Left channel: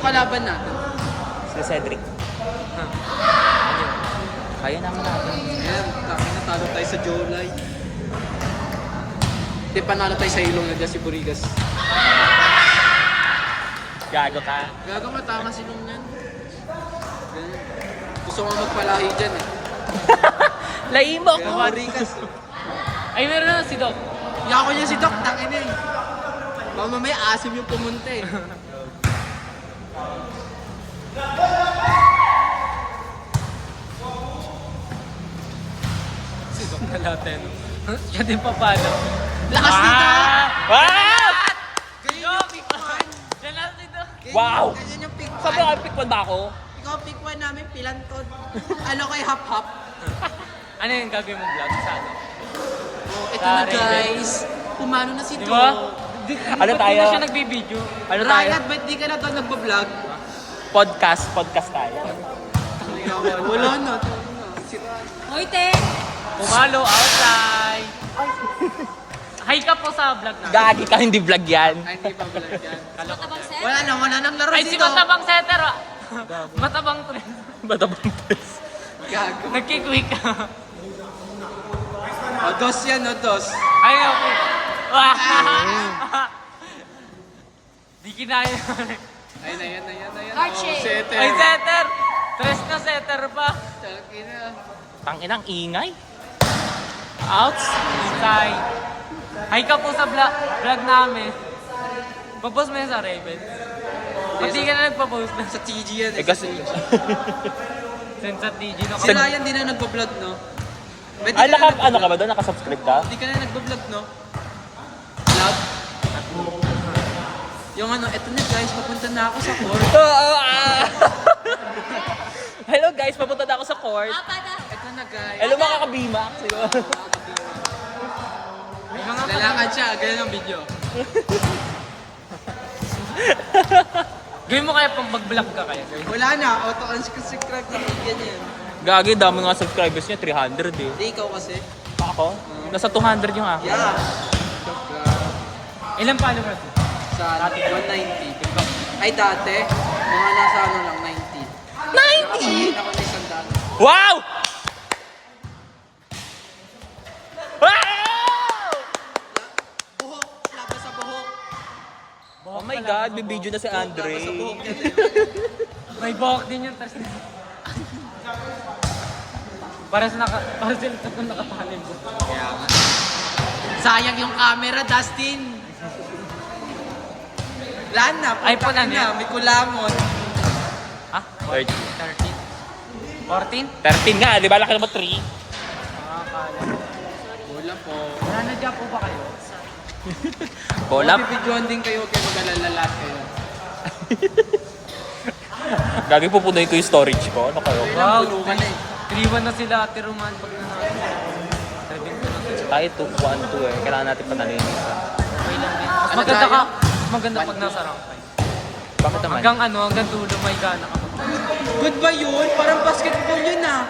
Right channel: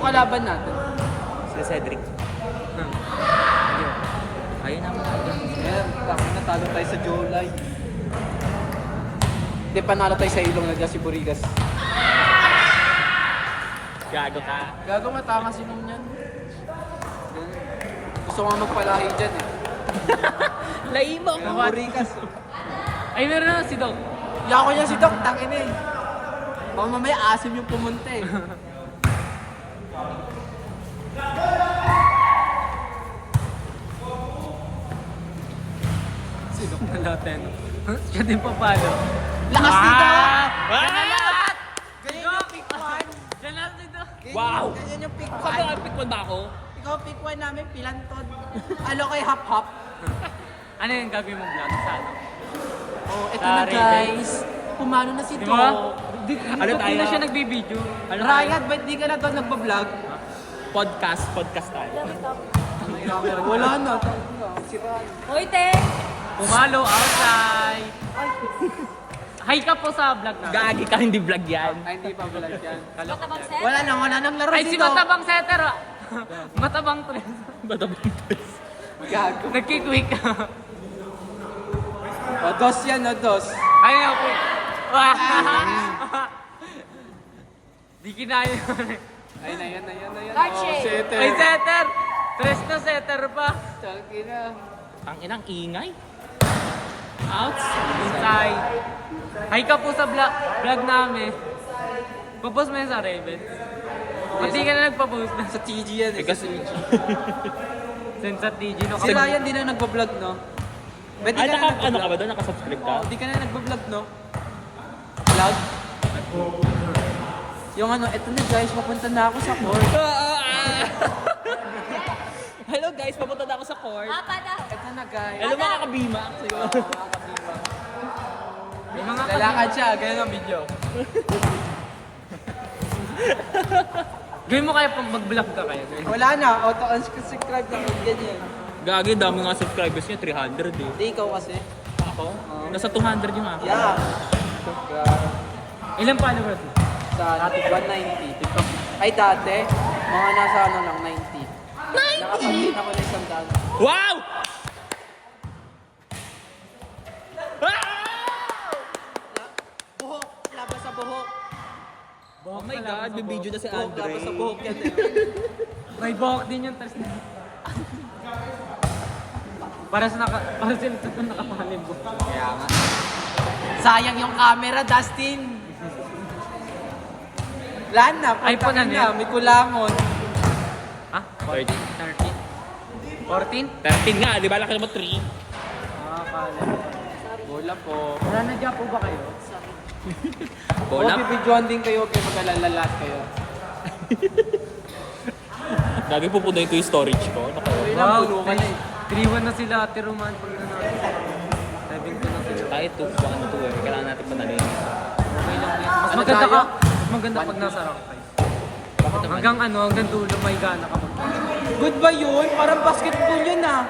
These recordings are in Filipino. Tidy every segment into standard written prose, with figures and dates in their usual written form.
kalaban natin? Si Cedric. Kaya naman natin. Ayan, natalo tayo sa July. Hindi, panalo tayo sa Ilong na si Burigas. Gago ka. Gago matama si Ilong yan. Gusto nga magpalayo dyan eh. Laimo Yung ka. Burigas. Ay, meron na si Doc. Hindi ako niya si Doc, tangin eh. Baka mamaya asim yung pumunta eh. Si Doc na lahat no? Siya din papalo. Lakas nito! Yan na lahat! Doc! Yan na si Doc. Wow! Ganyan yung pick Sabi one. ko, pick one ba ako? Ikaw pick one namin, pilantod. Ano ko yung hap-hap? Ano yung gagawin mong vlog sa ano? Oh, ito Sa na Raven. guys. Pumano na si Di Doc. ba? Ano Ba't di na tayo? siya nagbibideo? Ano tayo? Ryan, ba't di ka na doon nagbablog? Podcast tayo. Wala na. Si Ryan. Hoy, te! Pumalo outside! Hi ka po sa vlog namin. Gagi ka, hindi vlog yan. Ay, hindi pa vlog yan. Kaloko vlog. Wala nang laro Ay, dito. si Matabang Setter ah! Matabang tres. Batabang test. Gago. Nagkikwik. O, dos yan, o, dos. Ay, okay. Wah! Di kinaya. Ayun na yan, ayun na yan. Heart Oh, shape. setter. Ay, Setter! Tres na Setter pa. Tangina. Tanginang ingay. Outs. Inside. Hi ka po sa vlog namin. Papost mo yan sa Raven. Ba't di ka na nagpapost na? Sa TG yan eh. Eh kasi... Send sa TG no? Si Ryan din na nagbablog, no? Ba't di Ay, ka na ano ka ba doon? Nakasubscribe ka? Hindi ka na nagbablog, no? Vlog? Yung ano, eto na guys, papunta na ako sa court. Hello guys, papunta na ako sa court. Eto na guys. Hello mga kabima. May mga Lalakad siya, ganyan ang video. Gawin mo kaya pang mag-vlog ka kaya, guys. Wala na, auto-unsubscribe na ganyan. Gagi, dami nga subscribers niya, 300 eh. Hindi, ikaw kasi. Ako? Nasa 200 yung ako. Yeah. Ilang followers mo? Sa Dati ko. 190. TikTok. Ay, dati, mga nasa ano lang, 90. 90? Ako na isang gano'n. Wow! Wow! Buhok, laban sa buhok. Oh my God, may video na si Andre. Laban sa buhok. May buhok din yung tres na. Para sila sa nakatalim mo. Kaya nga. Sayang yung camera, Dustin. Wala na, iPhone putang ano ina, yan? may kulangon. Ha? 13? 14? 13 nga, di ba? Laki naman 3. Ah, kala ko. Bola po. Nananadya po ba kayo? Bola. Bibidyoan din kayo, kaya mag-alala kayo. Gagi, pupunayin ko yung storage ko. Ano kayo? Wow! Bulungan eh. 3-1 na sila, Ate Roman, pag nanalo. 7-2 na sila. Tayo 2-1-2 eh. Kailangan natin panalin. Okay lang din. Mas Ano maganda tayo? ka. Mas maganda pag nasa rank 5. Bakit naman? Hanggang dulo may gana ka magpala. Good ba yun? Parang basketball yun ah.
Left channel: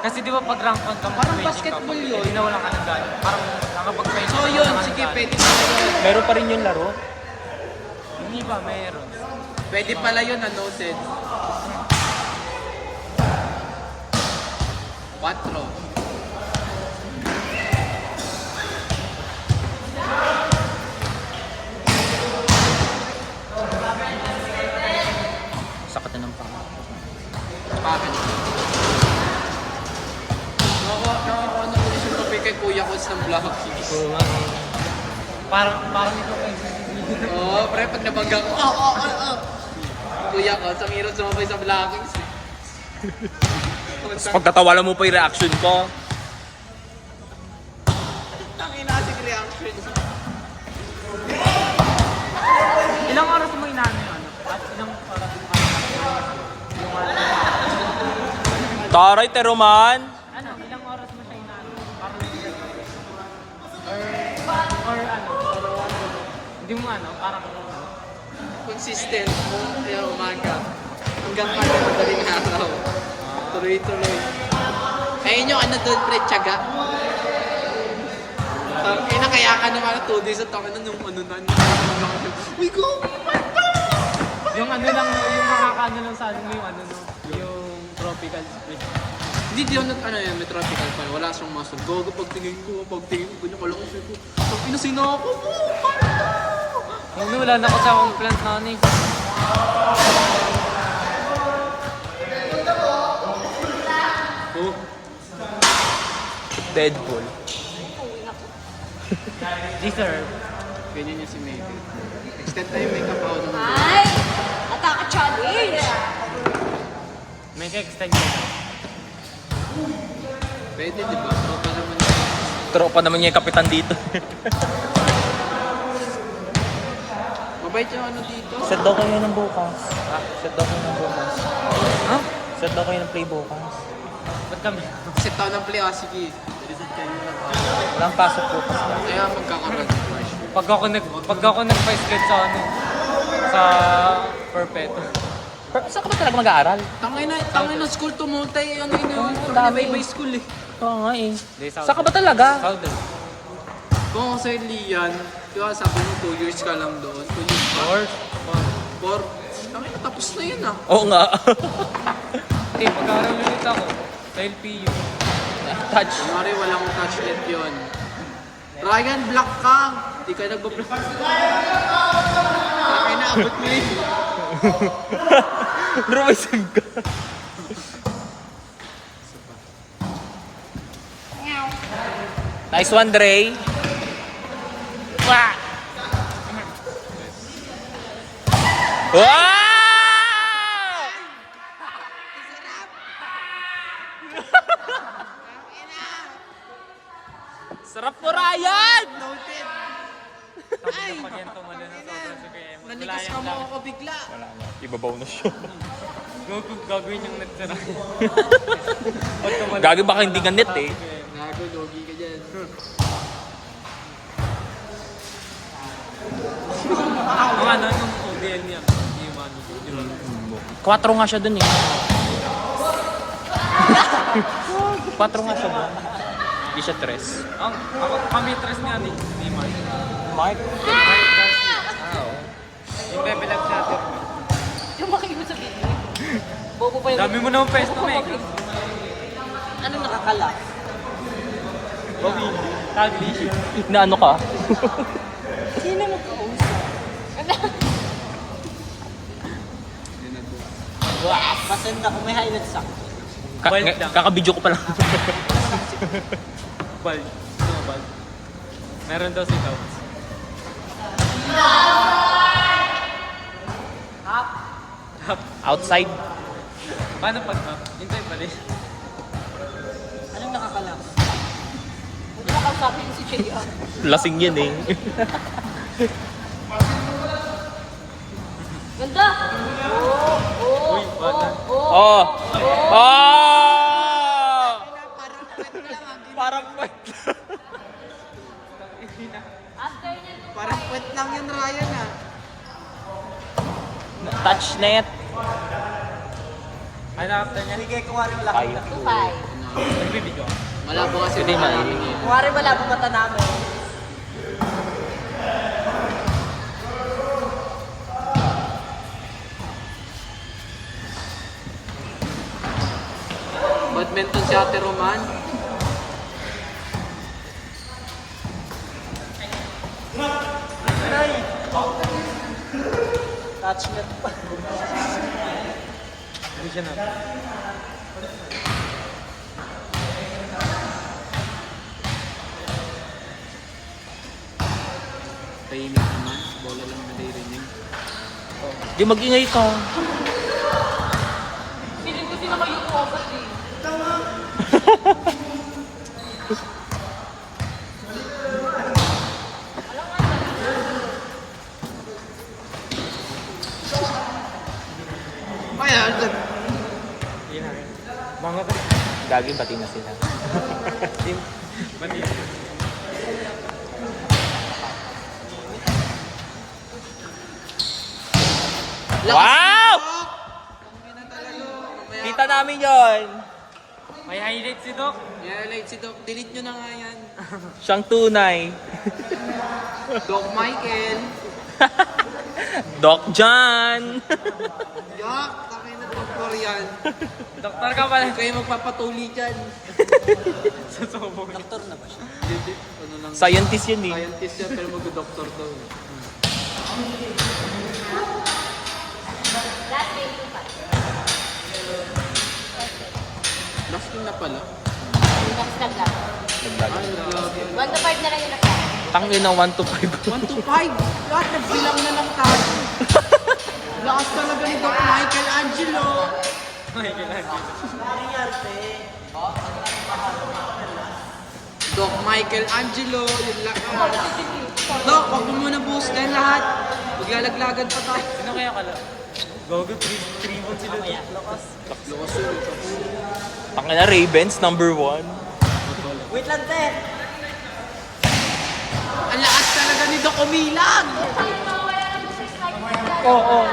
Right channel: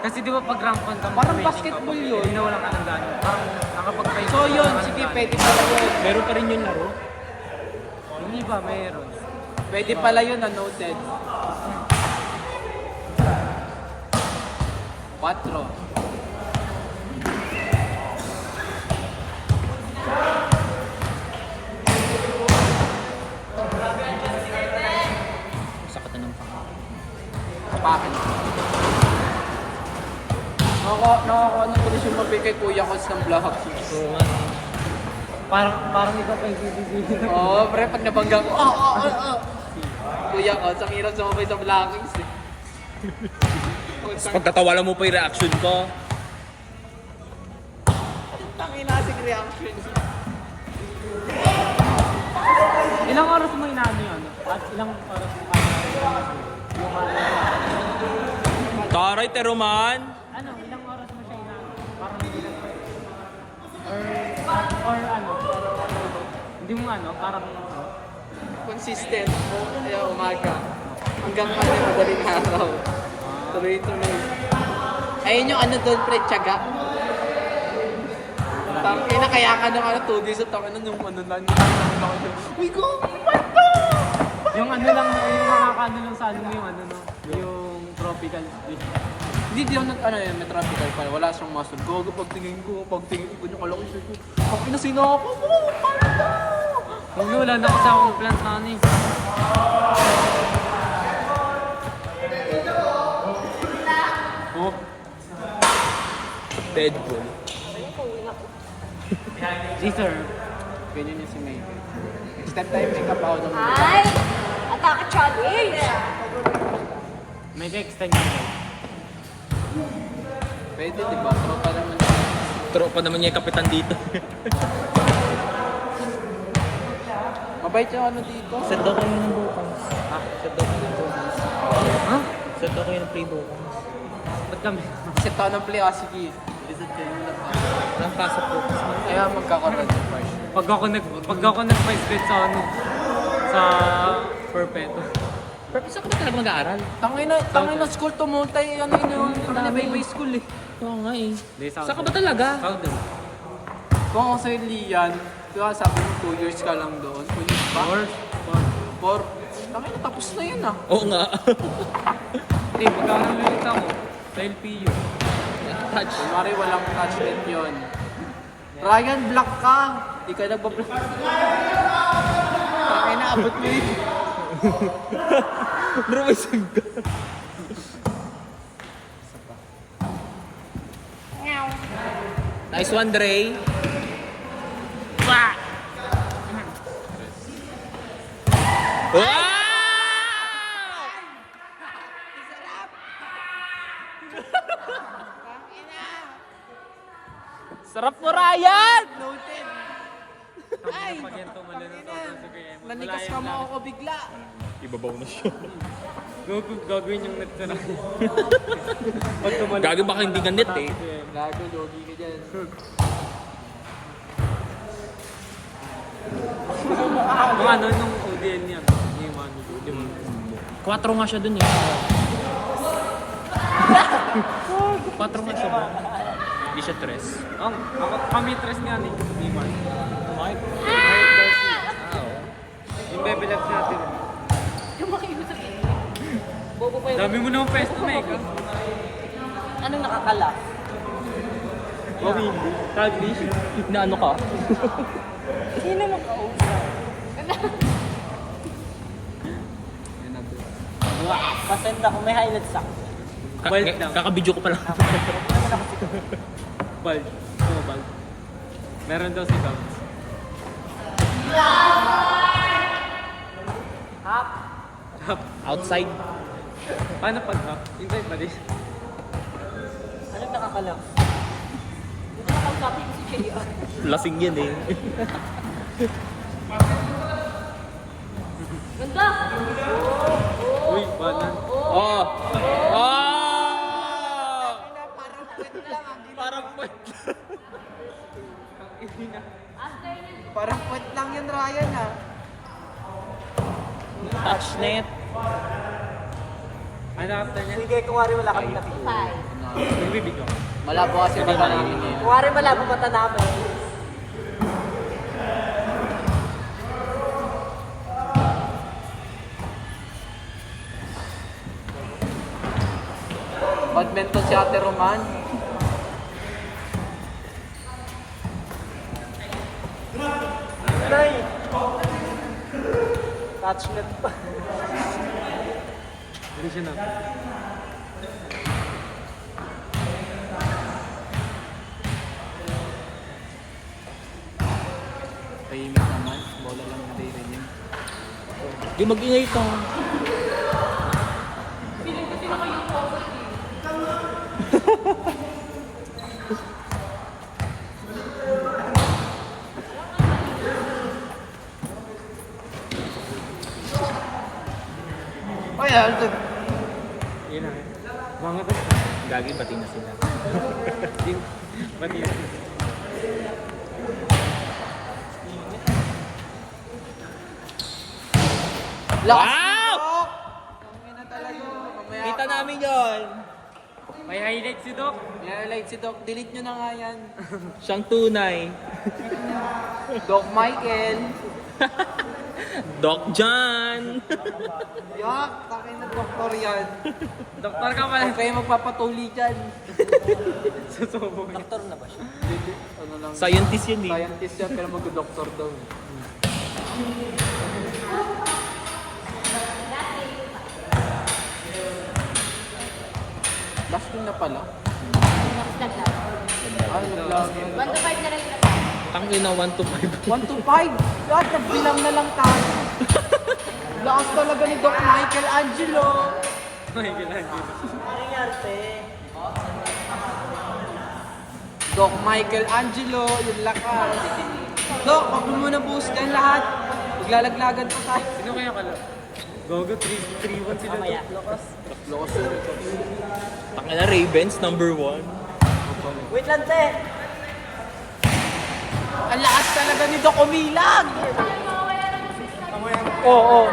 Kasi di ba pag rank 1 ka, Parang mag-waging ka, basketball pag yun. hindi na wala ka ng gana. Parang nakapag-5 So yun, sige, pwede pala yun. Meron pa rin yung laro. Hindi ba, meron. Pwede pala yun na noted. 4. Sakit na ng panga. Akin. Nakakaano tuloy siya mabigay kay Kuya ko sa vlog. Parang ikaw pa yung sisisihin. Oo, pre, pag nabangga ko, Kuya ko, sa hirap sumabay sa vlogging. Pagtatawalan mo pa yung reaction ko. Tangin natin reaction. Ilang oras mo inaano yung ano? At ilang oras mo kaya yung ano? Taray, Teroman! Ano, ilang oras mo siya inaano? Parang hindi lang sa'yo. Or ano? Hindi mo ano, parang ano? Consistent mo, kaya umaga. Hanggang madaling araw. Tuloy-tuloy. Ayun yung ano doon, pre, tiyaga. Kaya ka nung ano, 2 days at ako na nung ano na. Uy, go! Yung ano lang, no, yung makakaano lang sa ano mo yung ano, no, yung tropical split. Hindi, di ako ano yan, may tropical pa. Wala siyang muscle. Gogo, pagtingin ko, yung kalaki siya ko. Pag inasino ako, Ano, wala na kasi akong plant na ano eh. oh, Deadpool. Deserve. ganyan yung si Maybe. Instead time, make up ako ng mga. Ay! Nakaka-challenge! May ka-extend ka daw. Pwede, di ba? Tropa naman. Tropa naman niya yung kapitan dito. Mabait yung ano dito. Set daw kayo ng bukas. Ha? Set daw kayo ng bukas. Ha? Set daw kayo ng play bukas. Ba't kami? Set ako ng play, sige. Reset kayo ng nag-pasok. Walang pasok po. Kaya magkakaroon. Pag ako nag-vice guard sa ano, sa Perpetual. Pero saan ka ba talaga mag-aaral? Tangay na school to multi, ano yun, may school eh. Oo nga eh. Hindi, Saan ka ba talaga? Southern. Kung ako sa Lian, di ba sabi mo 2 years ka lang doon? 2 years ba? Or, 4. Tangay na, tapos na yun ah. Oo nga. hindi, mag-aaral ulit ako. Sa LPU. Touch. Kunwari walang touch net yun. Ryan, block ka! Di ka nagbablock. Tangay na, abot mo yun. Rumisig ka. Nice one, Dre. Wah! Wow! Sarap mo, Ryan! Noted. Tapos na pag yan tumalo ng sobrang si Kuya Emon. Wala Nanikas ka yung mo lang. ako bigla. Ibabaw na siya. Gagawin yung net sa Ryan. Pag tumalo. Gagawin baka hindi ka net eh. Si Kuya Emon. Gago, logi ka dyan. Nung ano, nung ODL niya. Yung ano, di ba? 4 nga siya dun eh. 4 nga siya dun. Hindi siya 3. Kami tres niya ni Mark. Mark? Mark Garcia. Oo. Yung bebelag natin. Yung makiibig sabihin. Bobo pa yung... Dami mo naman pesto, Mega. Anong nakakala? Bawin hindi. Taglish. Na ano ka? Sino mo? Pasenta ko may highlights ako. Bald lang. Kakabidyo ko pa lang. Bald. No, bald. Meron daw si Cow. Hap. Outside. Paano pag hap? Inside pa din. Anong nakakala? Nakakasabi si Jay. Lasing yan eh. Ganda! Uy, banan. Oh! Oh! Parang Parang point lang yun, Ryan ah. touch net. Ano after niya? Sige, kuwari wala. Kaya. Nagbibig ako. Malabo kasi Hindi baka na. namin yun. Kuwari wala po kata namin. Badminton si Ate Roman. Touch na. Hindi siya na. Ayun na naman, wala lang naririnig. Di mag-ingay ito. Oh yeah, good. Yun na rin. Mga to. Gagi pati na sila. Team. Pati yun. Wow! Ano na talaga? Mamaya Kita namin yon. May highlight si Doc. yan, like si Doc, delete nyo na nga yan. Siyang tunay. Doc Michael. Doc John! Yak, takin na doktor yan. Doktor ka pala. Huwag kayo magpapatuli dyan. Susubo niya. Ano lang, Scientist yan eh. scientist yan, pero mag-doktor daw. Last one na pala. Last na lang. Ay, nag-last. 1 to 5 na lang yun. Tangin na 1 to 5. 1 to 5. Lahat nagbilang na lang tayo. Lakas talaga ni Doc Michael Angelo. Michelangelo. Doc Michael Angelo, yung lakas. Doc, wag mo muna buhos na lahat. Maglalaglagan pa tayo. Sino kaya kala? Gogo 3-1 sila Doc. Lakas. Lakas yun. Tangin na Ravens, number 1. Ang lakas talaga ni Doc Umilag. Oo,